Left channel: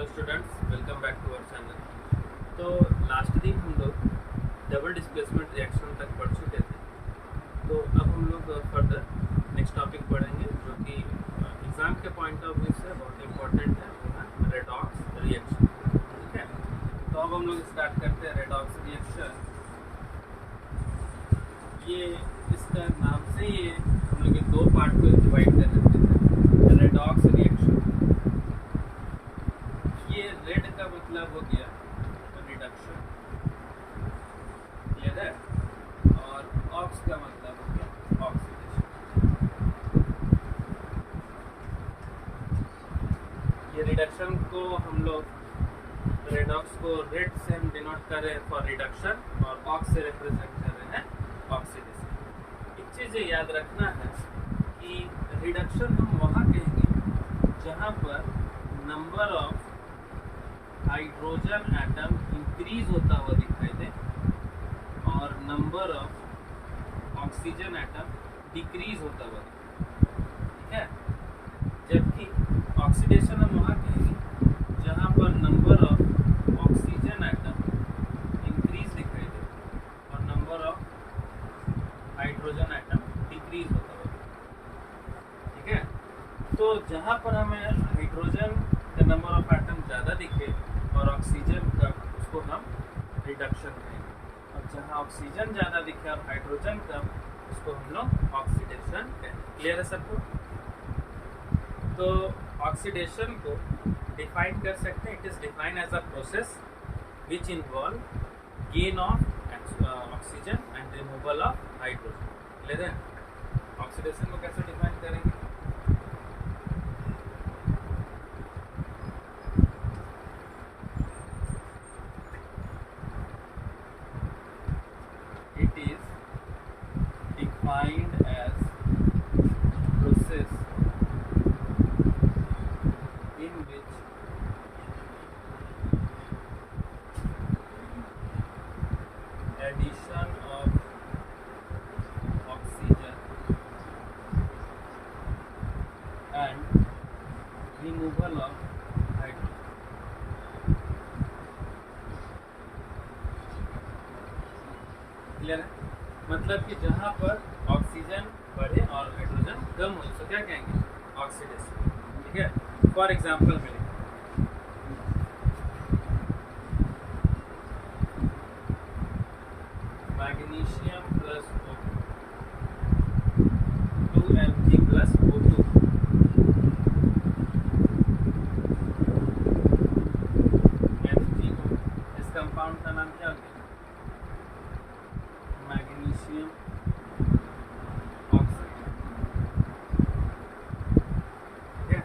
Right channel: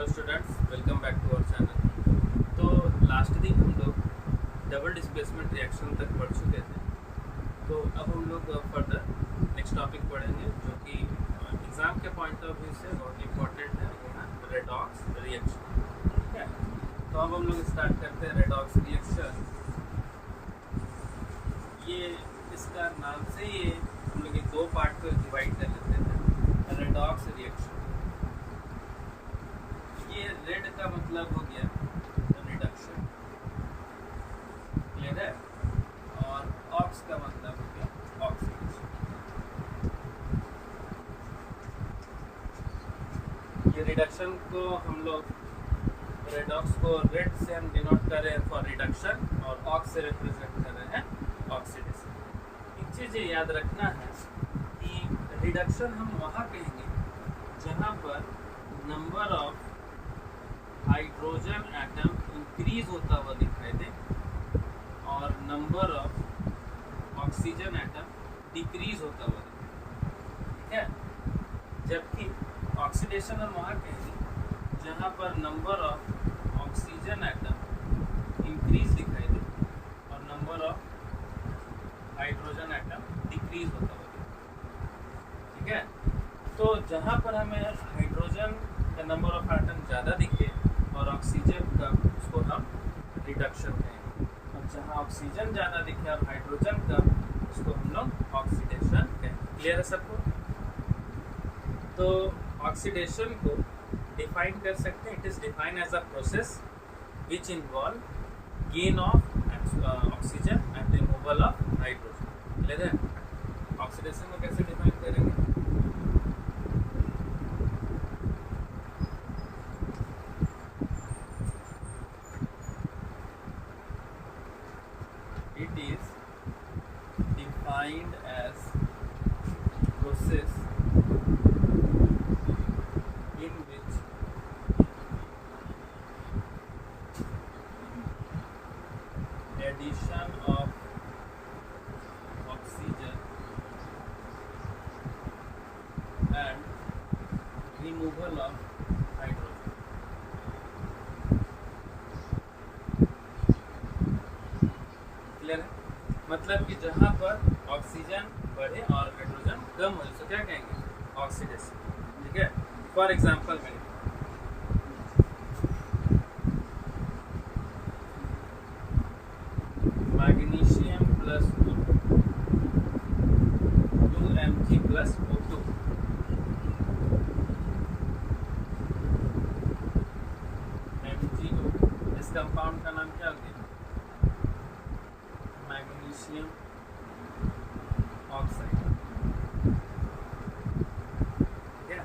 Hello students, welcome back to our channel. तो last दिन हम लोग डबल डिस्प्लेसमेंट रिएक्शन तक पढ़ चुके थे। तो अब हम लोग फर्दर नेक्स्ट टॉपिक पढ़ेंगे जो कि एग्ज़ाम के पॉइंट ऑफ व्यू से बहुत इंपॉर्टेंट है, वो है रेडॉक्स रिएक्शन। ठीक है, तो अब हम लोग स्टार्ट करते हैं रेडॉक्स रिएक्शन। ये इसका नाम से ये हम लोग दो पार्ट को डिवाइड कर लेते हैं। रेडॉक्स रिएक्शन, ये रेड का मतलब हो गया रिडक्शन, क्लियर है, और ऑक्स का मतलब हो गया ऑक्सीडेशन। ये रिडक्शन को हम लोग रेडॉक्स को रेड से हम डिनोट कर रहे हैं फॉर रिडक्शन और ऑक्स से रिप्रेजेंट कर रहे हैं ऑक्सीडेशन। एक चीज़ ये याद रखना है कि रिडक्शन हम वहाँ कहेंगे जहाँ पर number of hydrogen atom increase होता हुआ दिखाई दे और number of oxygen atom decrease होता हुआ दिखाई दे। ठीक है, जबकि ऑक्सीडेशन हम वहाँ कहेंगे जहाँ पर number of oxygen atom increase दिखाई दे और number of hydrogen atom decrease होता हुआ दिखाई। ठीक है, तो जहाँ पर हमें हाइड्रोजन का नंबर ऑफ एटम ज़्यादा दिखे और ऑक्सीजन का, उसको हम रिडक्शन कहेंगे, और जहाँ ऑक्सीजन ज़्यादा दिखे और हाइड्रोजन कम, उसको हम लोग ऑक्सीडेशन कहेंगे। क्लियर है सबको? तो ऑक्सीडेशन को डिफाइन कर सकते हैं, it is define as a process which involve gain of oxygen and removal of hydrogen. Clear है? ऑक्सीडेशन को कैसे डिफाइन करेंगे? It is defined as process in which addition of oxygen and removal of hydrogen clear है? मतलब कि जहाँ पर oxygen बढ़े और हाइड्रोजन कम हो, तो क्या कहेंगे? ऑक्सीडेशन। ठीक है, फॉर एग्जांपल में magnesium plus O2 2Mg plus O2 MgO, इस कंपाउंड का नाम क्या हो गया? Magnesium oxide. ठीक है,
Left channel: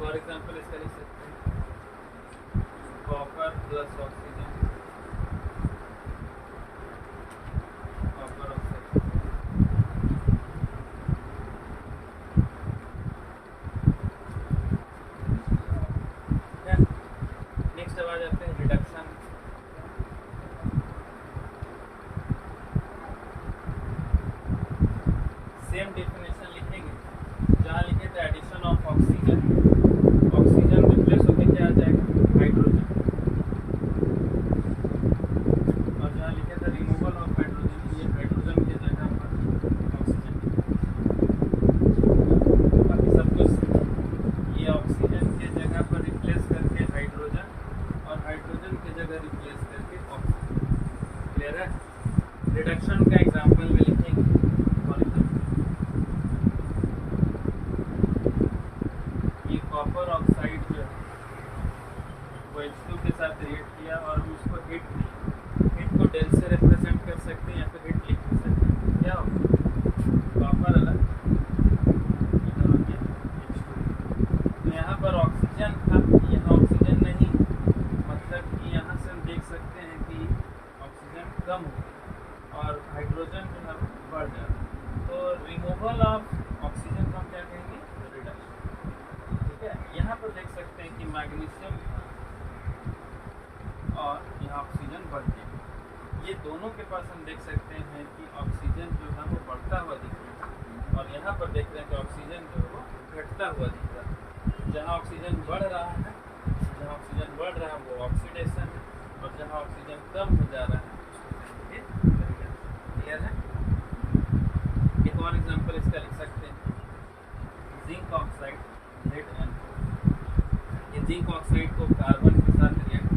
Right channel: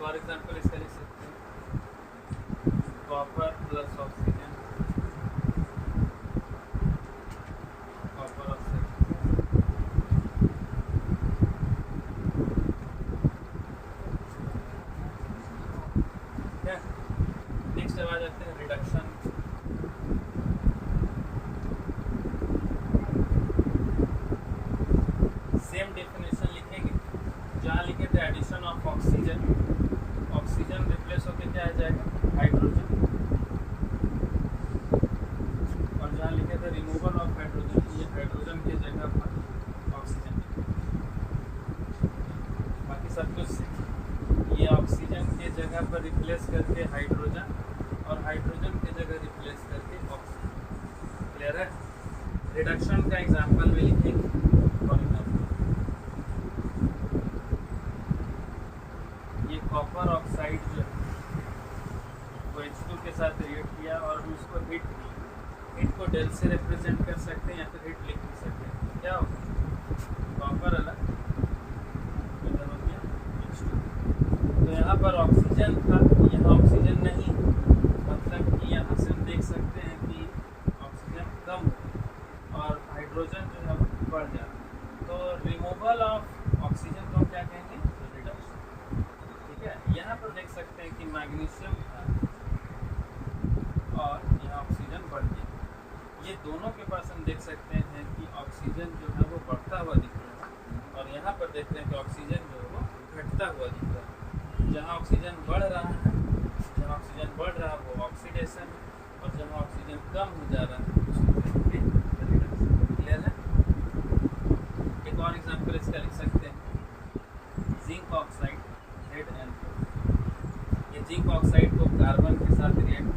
फॉर एग्जांपल इसका लिख सकते हैं copper plus oxygen, copper oxide. ठीक है, नेक्स्ट अब आ जाते हैं रिडक्शन। सेम डेफिनेशन लिखेंगे, जहाँ लिखे थे addition of oxygen, oxygen replace होकर क्या आ जाएगा? हाइड्रोजन, और जहाँ लिखे थे रिमूवल ऑफ हाइड्रोजन, ये हाइड्रोजन के जगह पर ऑक्सीजन। बाकी सब कुछ ये ऑक्सीजन के जगह पर रिप्लेस करके हाइड्रोजन और हाइड्रोजन के जगह रिप्लेस करके ऑक्सीजन। क्लियर है? रिडक्शन का एग्जाम्पल में लिखेंगे, फॉर एग्जाम्पल कॉपर ऑक्साइड जो है वो H2 के साथ रिएक्ट किया और हम इसको हिट किए। हिट को डेल से रिप्रेजेंट कर सकते हैं या फिर हिट लिख सकते हैं। क्या होगा? कॉपर अलग, इधर हो गया H2। तो यहाँ पर ऑक्सीजन था, यहाँ ऑक्सीजन नहीं, मतलब कि यहाँ से हम देख सकते हैं कि ऑक्सीजन कम हो गई और हाइड्रोजन जो है वो बढ़ जाता। तो रिमूवल ऑफ ऑक्सीजन को हम क्या कहेंगे? रिडक्शन। ठीक है, यहाँ पर देख सकते हैं कि मैग्नीशियम था और यहाँ ऑक्सीजन बढ़ गया। ये दोनों के पास हम देख सकते हैं कि ऑक्सीजन जो है वो बढ़ता हुआ दिख रहा है और यहाँ पर देख रहे हैं कि ऑक्सीजन जो है वो घटता हुआ दिख रहा है। जहाँ ऑक्सीजन बढ़ रहा है जहाँ ऑक्सीजन बढ़ रहा है वो ऑक्सीडेशन है, और जहाँ ऑक्सीजन कम हो जा रहा है उसको कहेंगे रिडक्शन। क्लियर है? एक और एग्जांपल इसका लिख सकते हैं, जिंक ऑक्साइड ZnO। ये जिंक ऑक्साइड को कार्बन के साथ रिएक्ट